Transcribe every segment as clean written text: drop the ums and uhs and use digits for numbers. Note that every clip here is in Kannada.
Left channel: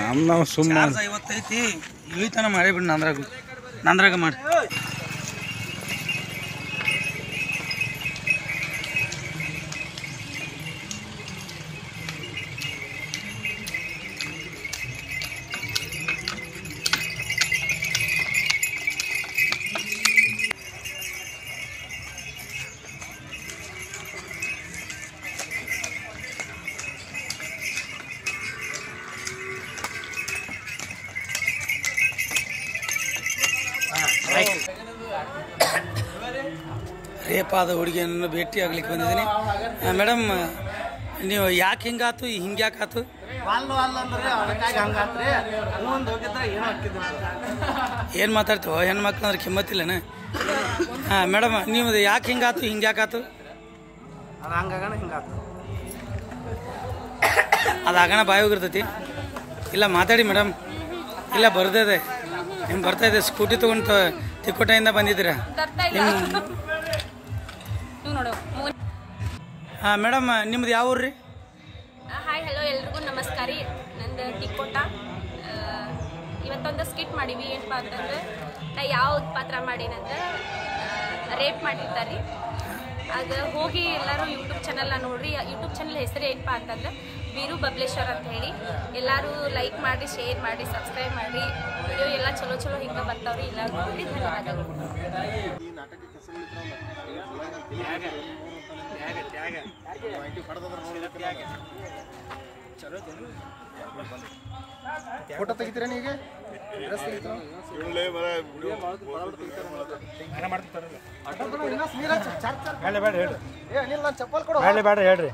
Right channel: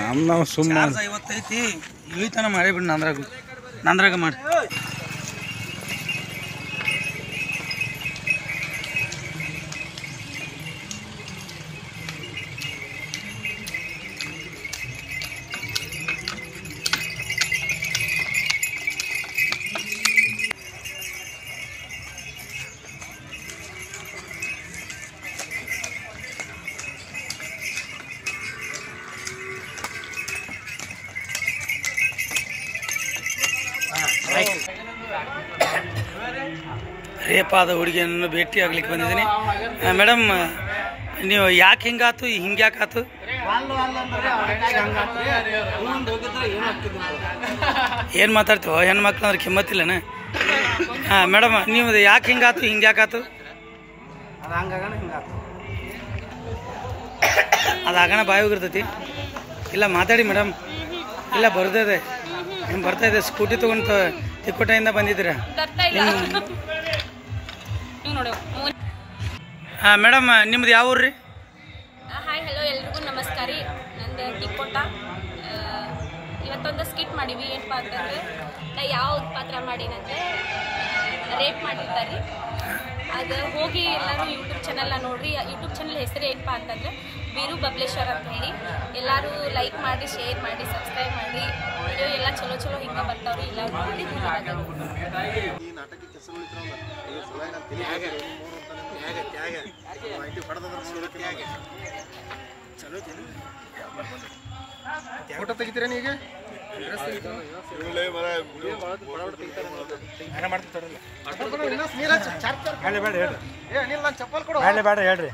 ನಾವು ಸುಮ್ಮನೆ 55 ಇಳಿತಾನ ಮಾಡೇ ಬಿಡಿ ನಂದ್ರಾಗ ಮಾಡಿ. ರೇಪಾದ ಹುಡುಗಿಯನ್ನು ಭೇಟಿ ಆಗ್ಲಿಕ್ಕೆ ಬಂದಿದ್ದೀನಿ. ಮೇಡಮ್, ನೀವು ಯಾಕೆ ಹಿಂಗಾತು, ಹಿಂಗ್ಯಾಕಾತು? ಏನು ಮಾತಾಡ್ತೀವೋ ಹೆಣ್ಮಕ್ಳು ಅಂದ್ರೆ ಕಿಮ್ಮತ್ತಿಲ್ಲನ? ಹಾಂ ಮೇಡಮ್, ನೀವು ಯಾಕೆ ಹಿಂಗಾತು, ಹಿಂಗ್ಯಾಕಾತು? ಅದು ಆಗಣ ಬಾಯಿ ಹೋಗಿರ್ತೈತಿ. ಇಲ್ಲ ಮಾತಾಡಿ ಮೇಡಮ್. ಇಲ್ಲ ಬರ್ದಿದೆ, ನಿಮ್ಗೆ ಬರ್ತಾ ಇದೆ. ಸ್ಕೂಟಿ ತೊಗೊಂಡು ತಿಕ್ಕೋಟೆಯಿಂದ ಬಂದಿದ್ದೀರಾ? ಹಾಂ ಮೇಡಮ್, ನಿಮ್ದು ಯಾವ ಊರು ರೀ? ಹಾಯ್ ಹಲೋ ಎಲ್ರಿಗೂ ನಮಸ್ಕಾರ ರೀ. ನಂದು ತಿಕ್ಕೋಟ. ಇವತ್ತೊಂದು ಸ್ಕಿಟ್ ಮಾಡೀವಿ. ಏನಪ್ಪ ಅಂತಂದ್ರೆ, ನಾ ಯಾವ್ದು ಪಾತ್ರ ಮಾಡೀನಂದ್ರೆ ರೇಪ್ ಮಾಡಿರ್ತಾರೆ. ಅದು ಹೋಗಿ ಎಲ್ಲರೂ ಯೂಟ್ಯೂಬ್ ಚಾನಲ್ನ ನೋಡ್ರಿ. ಯೂಟ್ಯೂಬ್ ಚಾನಲ್ ಹೆಸರು ಏನಪ್ಪ ಅಂತಂದ್ರೆ ವೀರು ಬಬ್ಲೇಶ್ವರ್ ಅಂತ ಹೇಳಿ. ಎಲ್ಲರೂ ಲೈಕ್ ಮಾಡಿ, ಶೇರ್ ಮಾಡಿ, ಸಬ್ಸ್ಕ್ರೈಬ್ ಮಾಡಿ. ವಿಡಿಯೋ ಎಲ್ಲ ಚಲೋ ಚಲೋ ಹಿಂಗೆ ಬರ್ತಾವ್ರಿ. ಎಲ್ಲರೂ ನೋಡಿ ಧನ್ಯವಾದಗಳು. ಫೋಟೋ ತೆಗಿತೀರಾ ನೀಗ? ಚಪ್ಪಲ್ ಕೊಡು. ಬೇಡ ಹೇಳ್ರಿ.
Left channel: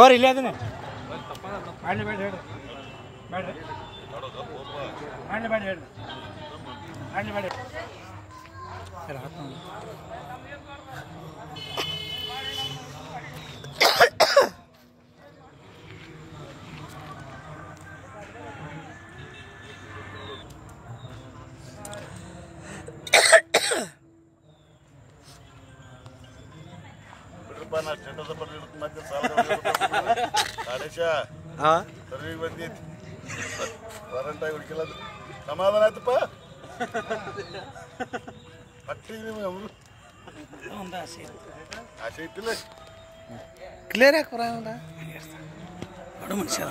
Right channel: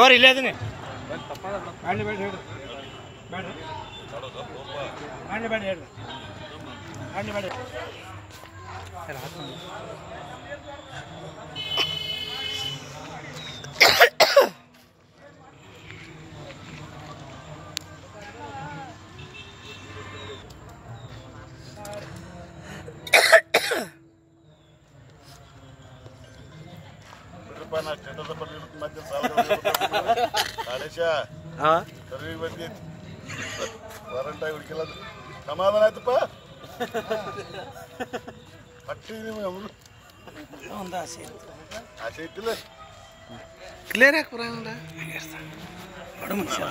ಓರ್ ಇಲ್ಲ ಅದನ್ನ ಮಾಡ್ಲಿ ಬೇಡ ಹೇಳ್ರಿ. ಬೇಡ್ರಿ ಮಾಡ್ಲಿ ಬೇಡ ಹೇಳ್ರಿ. ಮಾಡ್ಲಿ ಬೇಡ. ವಾರಂಟಾಗಿ ಹುಡುಕಿಲ್ಲ, ಸಮಾಧಾನ ಆಯ್ತಪ್ಪ. ಪಟ್ಟಿ ಆಸೆ ಇಟ್ಟಿಲ್ಲ. ಕ್ಲಿಯರ್ ಯಾಕೆ ಬರೋಣ? ಬಡ ಮನುಷ್ಯ.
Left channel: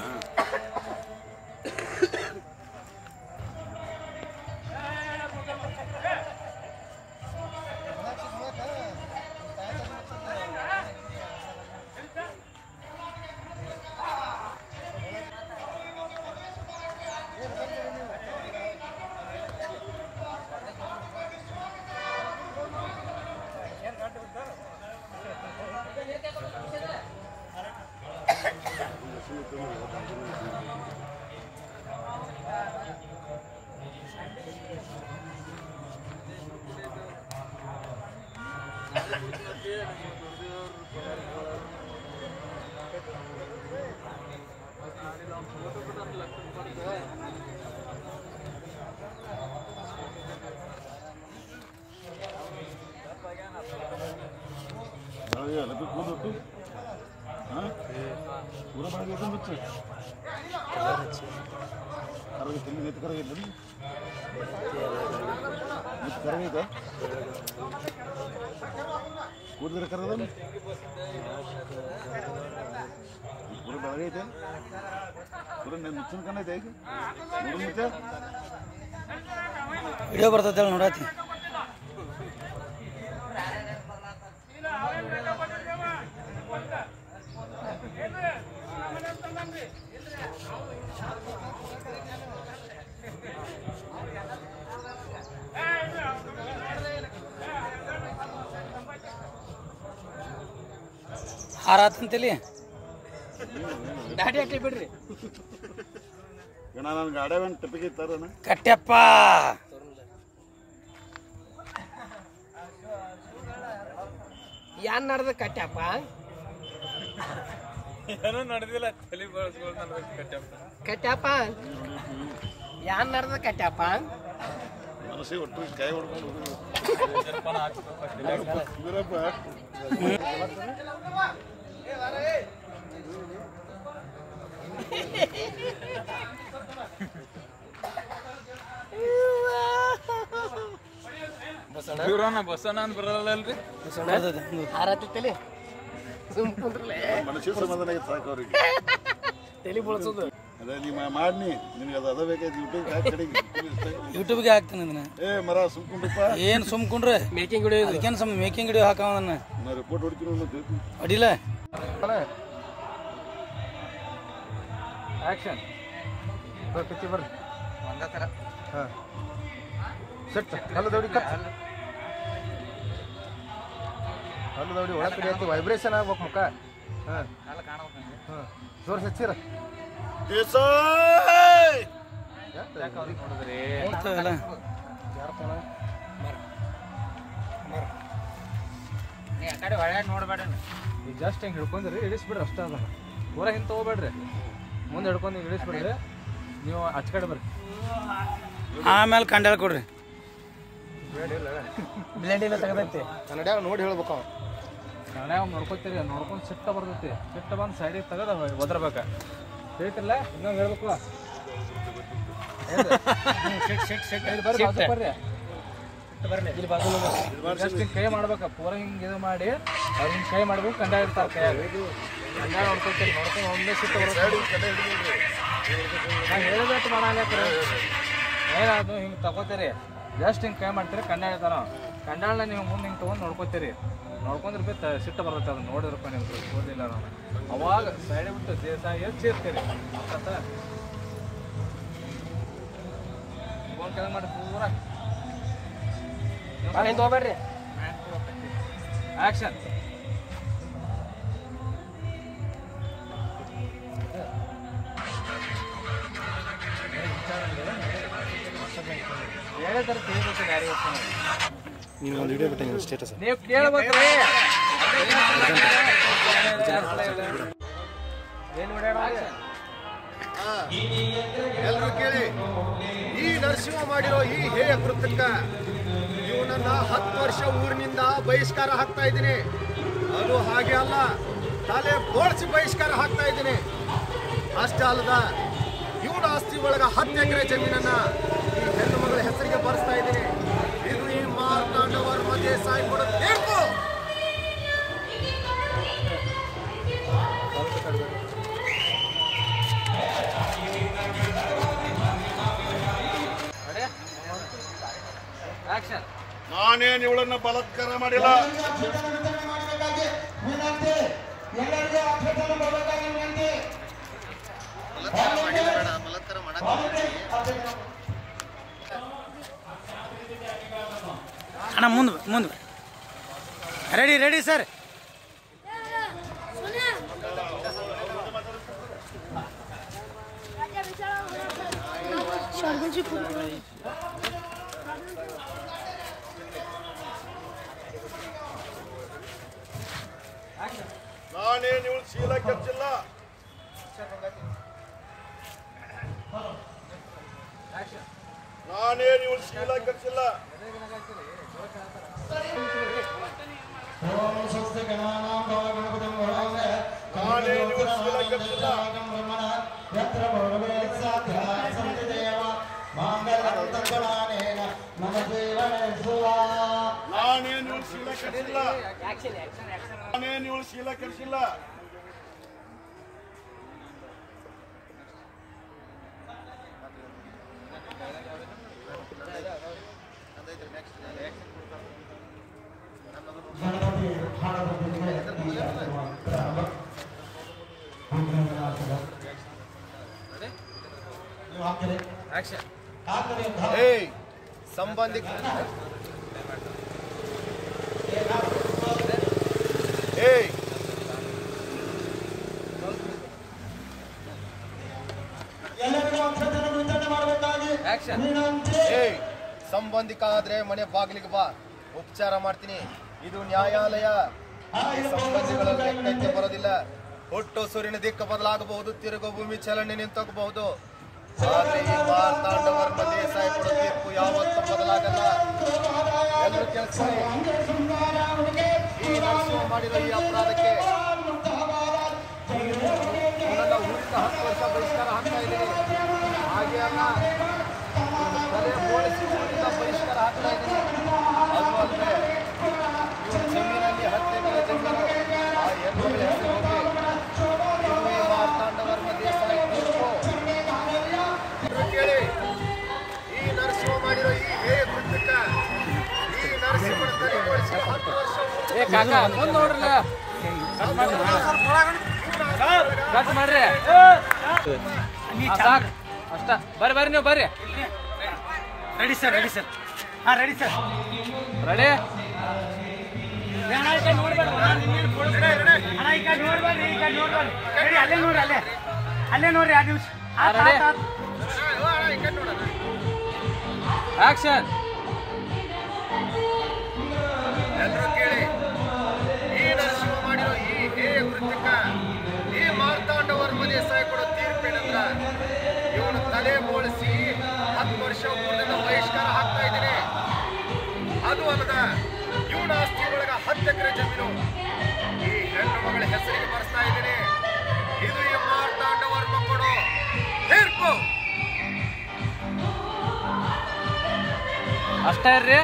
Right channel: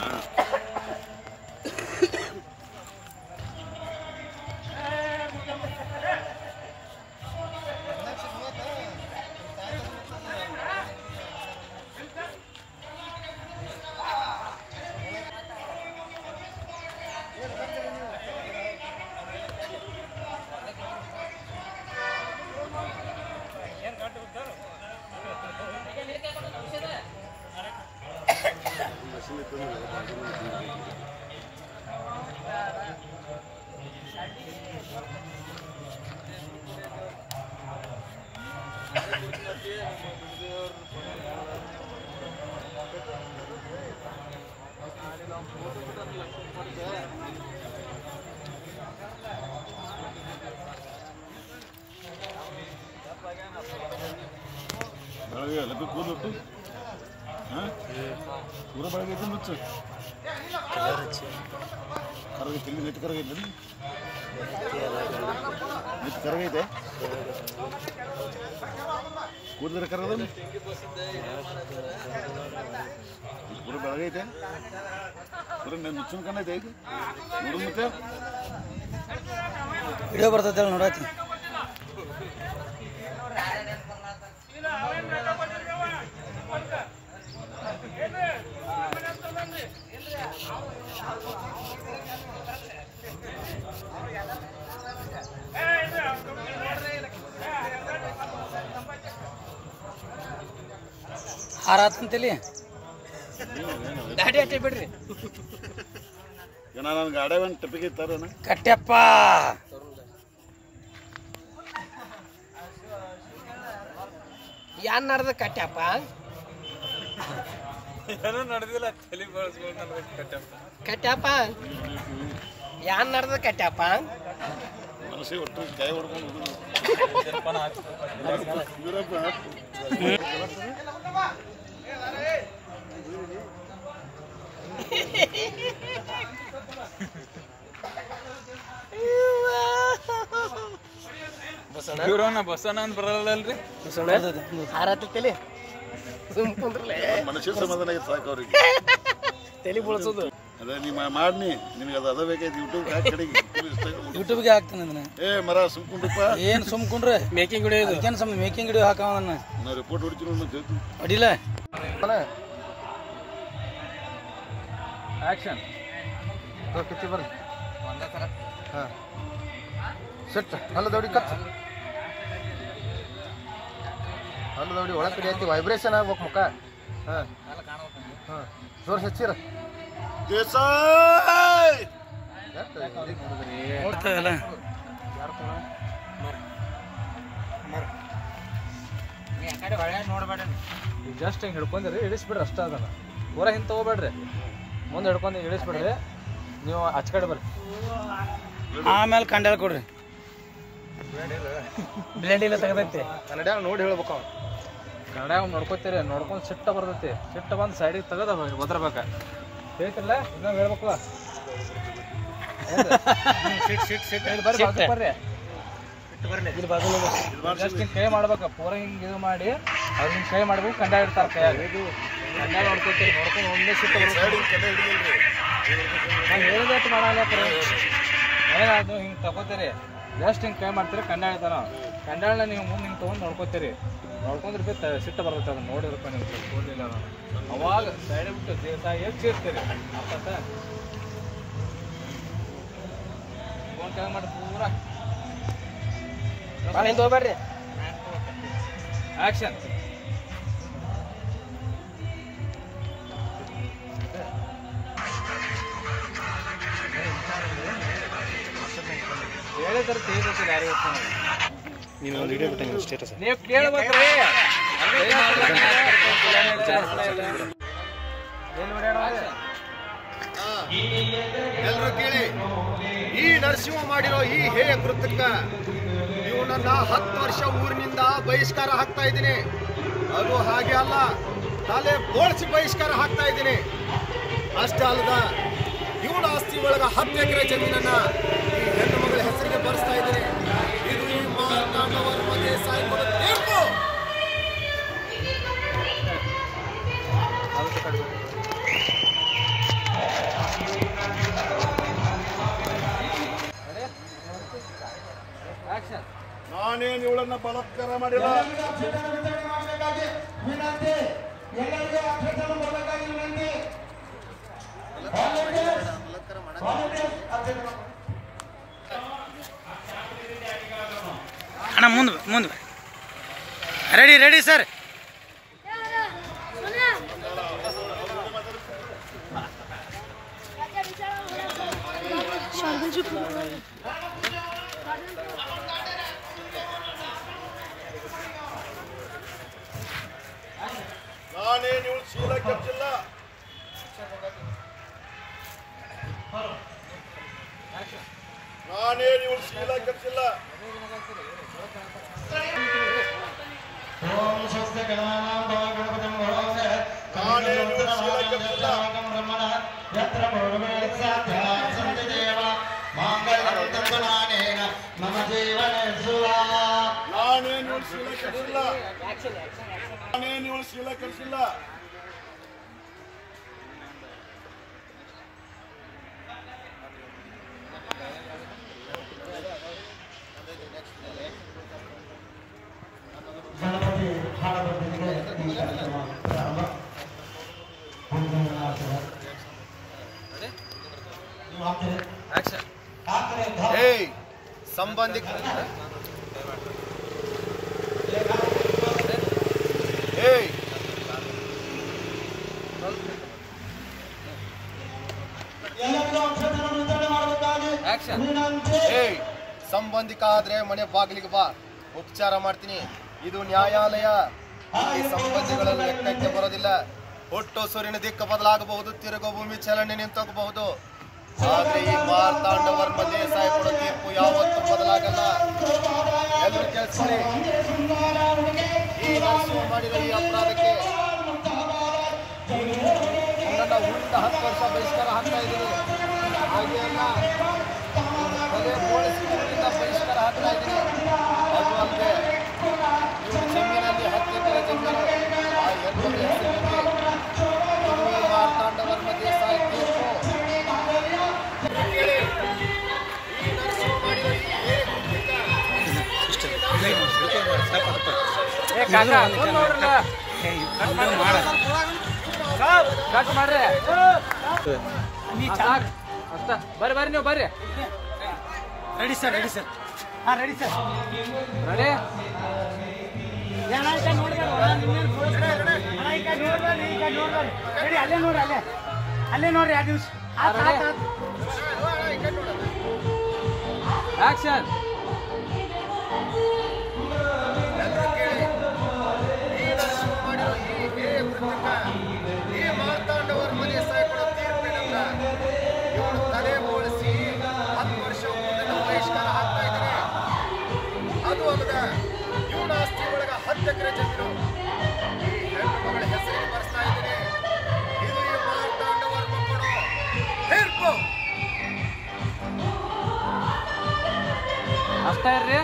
ಬೆಳಗ್ಗೆ ಕೂದೊಟ್ಟು ಪೂರ ಬೆಳಗ್ಗೆ ಮುಚ್ಚು ಕರಗೈತಿ. ನೆಟ್ಟು ಕರಗೈತೆ, ನೆಟ್ಟು ಕರಗೈತೆ. ಕೂದಲ ಕರಗದ ಪೂರ ಬೆಳಗೈತೆ. ಪೂರ ಮುಚ್ಚಿನ ಕಣ್ಣೈತೆ. ಈಗ ನೋಡು ಮತ್ತೆ ವಿಡಿಯೋ ಬರ್ತೈತೆ ನೋಡತ್ತಿ. ಹಾರಾತಂತೇಳಿ ಗಾಡಿ ಅಟ್ಟೆ ಬಿಡ್ರಿ. ನನ್ನ ಗಾಡಿ ಒಂದು ಟಪಿಗೆ ಇತ್ತಾರ ಕಟ್ಟೆಪ್ಪ. ಯಾನ್ ನಡ್ದ ಕಟ್ಟ್ಯಪ್ಪ? ಏನೂ ನಡೆದಿಲ್ಲ. ತಲೆ ಬಳಸ್ಕೊಂಡು ನಡೆದ ಕಟ್ಟೆಪ್ಪ. ಕಟ್ಟ್ಯಪ್ಪ ಯಾನ್ ನಡ್ದ ಕಟ್ಟ್ಯಪ್ಪ? ಮನಸ್ಸಿಗೆ ಒಟ್ಟು ಕೈ ಹೊಡ್ಕೊಂಡು ಹೋಗುದು. ಇವ್ರನ್ನ ಬಸವಣ್ಣ ಅಂತ ಬರಲ್ಲಲ್ರಿ ಹಾರತ್ತೈತಲಿ ಸುಮ್ ಕುಂದ್ರಲೆ ಮನುಷ್ಯ ಸಮಾಧಾನ ಆಗಿತ್ತು ಸಾಕು ಅವ್ರಿಗೆ ತಲೆ ಬಳಸೋದು ಅದೇ ನೀ ಮಾಡಿ ನಿನಗೆ ಅದು ಬೇಕಾಯ್ತು ಯೂಟ್ಯೂಬ್ಗೆ ಹಾಕ್ತಾನೆ ಅದನ್ನ ಮರ ಸುಮ್ಕೊಂಡ್ರಪ್ಪ ಏನು ಸುಮ್ಕೊಂಡ್ರೆ ಮೇಕಿಂಗ್ ವಿಡಿಯೋ ಅದಕ್ಕೇನು ಸುಮ್ಮನೆ ಮೇಕಿಂಗ್ ವಿಡಿಯೋ ಹಾಕವನ್ನ ನಾ ರಿಪೋರ್ಟ್ ಹೊಡಿತೀನಿ ಅಡಿಲ್ಲ ಆಕ್ಷನ್ ಬರ್ರಿ ಒಂದೇ ಥರ ಹಾಂ ಸೆಟ್ ಹಲ್ಲು ದೌಡಿ ಕಟ್ ಹಲ್ಲು ದೌಡಿ ಒಳಗೆ ಕಡೆ ಐತಿ ವೈಬ್ರೇಷನ್ ಆಗ್ಬೇಕು ಮುಖ ಹಾಂ ಹಾಂ ಜೋರ್ ಹಚ್ಚಿರ ದೇಸಾಯ್ ಬರ್ತಾವಲ್ಲ ನೋಡ್ಬೇಡ ಜಸ್ಟ್ ಹಿಂಗೆ ಹಿಡ್ಕೊಂಡ್ರಿ ಇಳಿಸ್ಬಿಡ್ರಿ ಅಷ್ಟ ಅದನ್ನ ಪೂರ ಹಿಂಗೆ ತಗೋಬೇಡ್ರಿ ಮುಂದೆ ಹಿಡ್ಕೊಂಡು ಇಳಿಸ್ಬಿಡ್ರಿ ನೀವು ಆಚೆ ಕಡೆ ಬರ್ರಿ ಆಮೇಲೆ ಕಂಡಾಳ ಕೊಡ್ರಿ ಬ್ಲೇಡ್ ಇಲ್ಲ ತೆಗೆದೈತಿ ಕನ್ನಡ ನೋಡಿ ಹೇಳ್ಬೇಕು ಅವ ಕನ್ನಡ ನೋಡ್ಕೊತೀರಿ ನೋಡ್ಕೊಂಡು ಸಿಟ್ಟ ಬರ್ತೈತಿ ಸಿಟ್ಟ ಬಂದು ಸೈಡಿಗೆ ತೆಗೆದ ಒದರ್ಬೇಕ ಹೇಳ್ತಿರಲ್ಲ ಇನ್ನೊಂದು ಹೇಳ್ಬೇಕಲ್ಲ ಬರ್ರಿ ಬಾಜು ಬರ್ರಿ ಇಲ್ಲಿ ಬಾಜು ಜಸ್ಟ್ ಹಿಂಗೆ ಕೈ ಮಾಡ್ಬೇಕ ಪೂರ ಹಿಂಗೆ ಇದು ಮಾಡಿ ಅವ್ರು ಹಿಂಗೆ ಕೈ ಮಾಡ್ಬೇಕು ಕಂಡ ಇಡ್ತಾರೆ ಕೈಯಾಗ ಕಂಡ ನೋಡ್ಕೊತೀರಿ ನೋಡ್ಕೊಂಡು ಒಂದೇ ಸಿಟ್ಟ ಬರುತ್ತೆ ನಾವು ಹೇಳಿದಟ್ಟು ಮಾಡಾಕತ್ರಿ ಏನಾದ್ರು ಹಿಂಗೆ ತಗೋತೀರಿ ಜಸ್ಟ್ ಹಿಂಗೆ ಕೈ ಮಾಡ್ತೀರಿ ಕಂಡ ಹೇಳ್ತಾರ ಕಂಡಾಳನ್ನ ನೀವು ಮುಂದೆ ಹಿಂಗೆ ತೊಗೊಂಡು ನೋಡ್ಕೊತೀರಿ ನೋಡ್ಕೊಂಡ್ರೆ ಬಿ ಸಿಟ್ಟ ಬರ್ತೈತೆ ಅದನ್ನ ನೋಡಿರಪ್ಪ ನಿಮ್ಗೆ ಓದಿಲ್ಲ ನಾನು ಅವಾಗ ಸೈಡ್ ಬಿಟ್ಟು ದೇಸಾಗಿ ಚೀರ್ತೀರಿ ಅರ್ಥ ಕೆಳಗೆ ಮಾಡಿ ಪೂರ ಭಾಳ ಹಿಂದೆ ಹೋಗ್ಬೇಡ್ರಿ ಆಕ್ಷನ್ ಹೇಳಿದ್ರೆ ತಿಳಿದೈತಿ ಯಾರು ನೀವು ಕೇಳ್ಬೇಕ್ರಿ ಎಲ್ಲರೂ ಕೇಳಿ ಈ ನರಸಿಂಹ ಮಾಡಿರೋ ಈ ಹೇಯ ಕೃತ್ಯಕ್ಕ ಇವನನ್ನ 10 ವರ್ಷ ಊರಿನಿಂದ ಬಹಿಷ್ಕಾರ ಹಾಕ್ತಾ ಇದ್ದೀನಿ. ಅದು ಹಾಗೆ ಅಲ್ಲ, ತಲೆ ಬೋಳ್ಸಿ ಬಹಿಷ್ಕಾರ ಹಾಕ್ತಾ ಇದ್ದೀನಿ. ಅಷ್ಟೇ ಅಲ್ಲದ ಇವಳ ಆಸ್ತಿ ಒಳಗ 10 ಎಕರೆ ಜಮೀನನ್ನ ಈ ಹೆಣ್ಣು ಮಗಳ ಹೆಸರಿಗೆ ಬರೆಸ್ತಾ ಇದ್ದೀನಿ. ಇದು ಈ ಮಾರ್ತಾಂಡವರ್ಮ ದೇಸಾಯಿ ಕೊಡೋ ತೀರ್ಪು. ನಾನೇನು ಇವಳನ್ನ ಬಲಾತ್ಕಾರ ಮಾಡಿಲ್ಲ. ಅಣ್ಣ ಮುಂದೆ ರೆಡಿ ಸರ್. ನಾನೇನು ಇವಳು ಶೀಲ ಕೆಚ್ಚಿಲ್ಲ. ನಾನೇನು ಇವಳು ಶೀಲ ಕೆಚ್ಚಿಲ್ಲ. ನಾನೇನು ಇವಳು ಶೀಲ ಕೆಚ್ಚಿಲ್ಲ. ನಾನೇನು ಇವಳು ಶೀಲ ಕೆಚ್ಚಿಲ್ಲ. ನಾನೇನು ಇವಳು ಶೀಲ ಕೆಚ್ಚಿಲ್ಲ. ಸಂಬಂಧಿ ಸಂಬಂಧಿಕ ಆದ್ರೆ ಮನೆ ಬಾಗಿಲಿಗೆ ಬಾ, ಉಪಚಾರ ಮಾಡ್ತೀನಿ. ಇದು ನ್ಯಾಯಾಲಯ. ಇಲ್ಲಿ ಸಂಬಂಧಿಗಳಲ್ಲಿ ಲೆಕ್ಕಕ್ಕೆ ಬರೋದಿಲ್ಲ. ಹುಟ್ಟು ಸೂರ್ಯನ ದಿಕ್ಕು ಬದಲಾಗಬಹುದು, ತಿರುಗೋ ಭೂಮಿ ಚಲನೆ ನಿಂತೋಗಬಹುದು. ಆದ್ರೆ ಈ ಮಾರ್ತಾಂಡವರ್ಮ ದೇಸಾಯಿ ಕೊಡೋ ತೀರ್ಪು ಯಾವತ್ತೂ ಬದಲಾಗಲ್ಲ. ಎಲ್ಲರೂ ಕೇಳಿಸ್ಕೊಳ್ಳಿ. ಈ ನರಸಿಂಹ ಮಾಡಿದ ಈ ಅಪರಾಧಕ್ಕೆ ಇವನನ್ನ ಊರಿಂದ 10 ವರ್ಷ ಬಹಿಷ್ಕಾರ ಹಾಕ್ತಾ ಇದ್ದೀನಿ. ಹಾಗೆ ಅಲ್ಲ ತಲೆ ಬೋಳಿಸಿ ಊರಿಂದ ಬಹಿಷ್ಕಾರ ಹಾಕ್ತಾ ಇದ್ದೀನಿ. ಅದು ಅಲ್ಲದೆ ಇವ್ರ ಜಮೀನಲ್ಲಿ 10 ಎಕರೆ ಜಮೀನು ಆ ಹೆಣ್ಮಗಳ ಹೆಸರು ಹೋಗಿ ಇದು ಈ ಮಾರ್ತಾಂಡವರ್ಮ ದೇಸಾಯಿ ತೀರ್ಪು ಕೇಳಿ. ಈ ನರಸಿಂಹ ಮಾಡಿರೋ ಈ ಹೇಯ ಕೃತ್ಯಕ್ಕ ಬರ್ರಿ ನೀವು ಬರ್ರಿ. ರೆಡಿ ಸರ್ ರೆಡಿ ಸರ್ ಹಾಂ ರೆಡಿ ಸರ್ ರೆಡಿ. ಅಲ್ಲೇ ನೋಡ್ರಿ ಅಲ್ಲೇ ನೋಡ್ರಿ 2 ದಿವಸ ಆಕ್ಷನ್. ಎಲ್ಲರೂ ಕೇಳಿ. ಈ ನರಸಿಂಹ ಮಾಡಿರೋ ಈ ಹೇಯ ಕೃತ್ಯಕ್ಕ ಈ ಮಾರ್ತಾಂಡವರ್ಮ ದೇಸಾಯಿ ಕೊಡೋ ತೀರ್ಪೇನಂದ್ರ ಇವನು ತಲೆ ಬೋಳಿಸಿ 10 ವರ್ಷ ಊರಿನಿಂದ ಬಹಿಷ್ಕಾರ ಹಾಕ್ತಾ ಇದ್ದೀನಿ. ಅದು ಅಲ್ಲದ ಇವನ ಆಸ್ತಿ ಒಳಗ 10 ಎಕರೆ ಜಮೀನು ಈ ಹೆಣ್ಣು ಮಗಳ ಹೆಸರಿಗೆ ಬರ್ಸ್ತಾ ಇದ್ದೀನಿ. ಇದು ಈ ಮಾರ್ತಾಂಡವರ್ಮ ಕೊಡೋ ತೀರ್ಪು. ಅಷ್ಟೇ ಇರ್ರಿ.